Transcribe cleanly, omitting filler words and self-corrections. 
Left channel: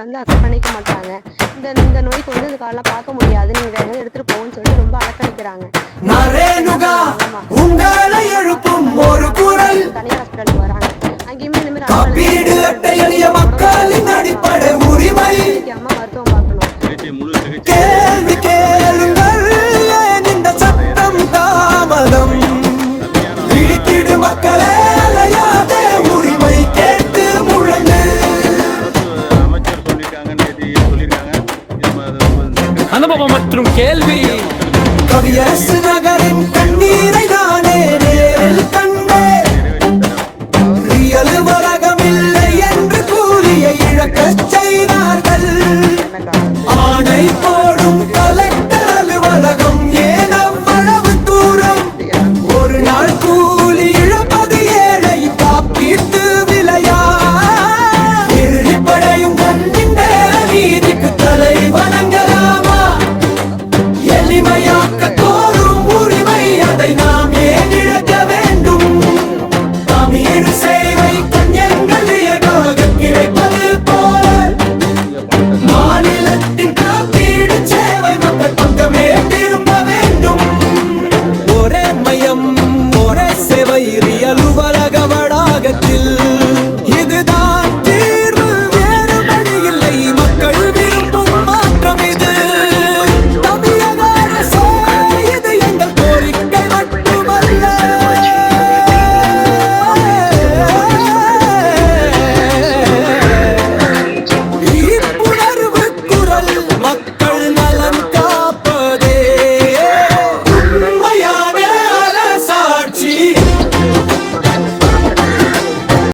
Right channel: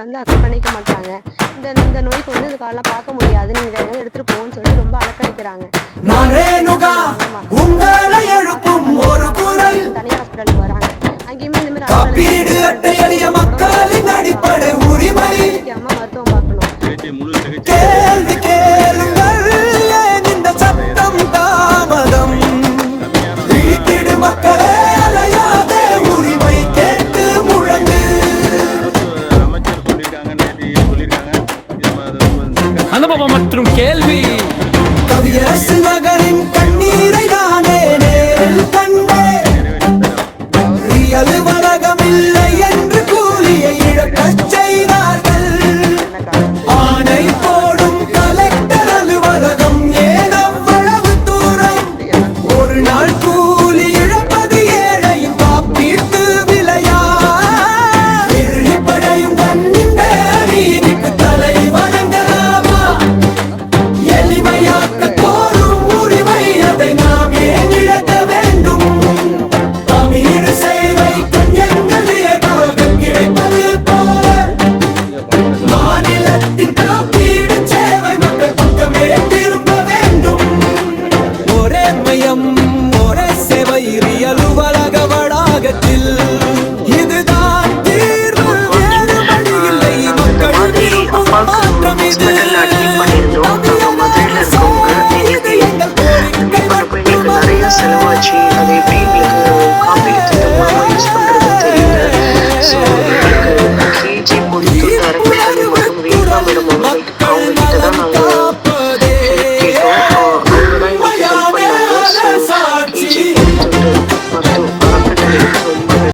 வந்து அக்செப்ட் பண்ணிக்க மாட்டாங்க. இந்த இந்த நோய்க்கு வந்து இந்த கார்டெல்லாம் பார்க்க முடியாது, நீங்க வேற எங்கேயாவது எடுத்துட்டு போங்கன்னு சொல்லிட்டு ரொம்ப அலக்கழிக்கிறாங்க. தனியார் ஹாஸ்பிட்டலுக்கு வராங்க, அங்கேயுமே இந்த மாதிரி அம்மா மருத்துவம் பார்க்கணும். அனுபவம் மற்றும் கேள்வி. கவியரசு நகரின் கண்ணி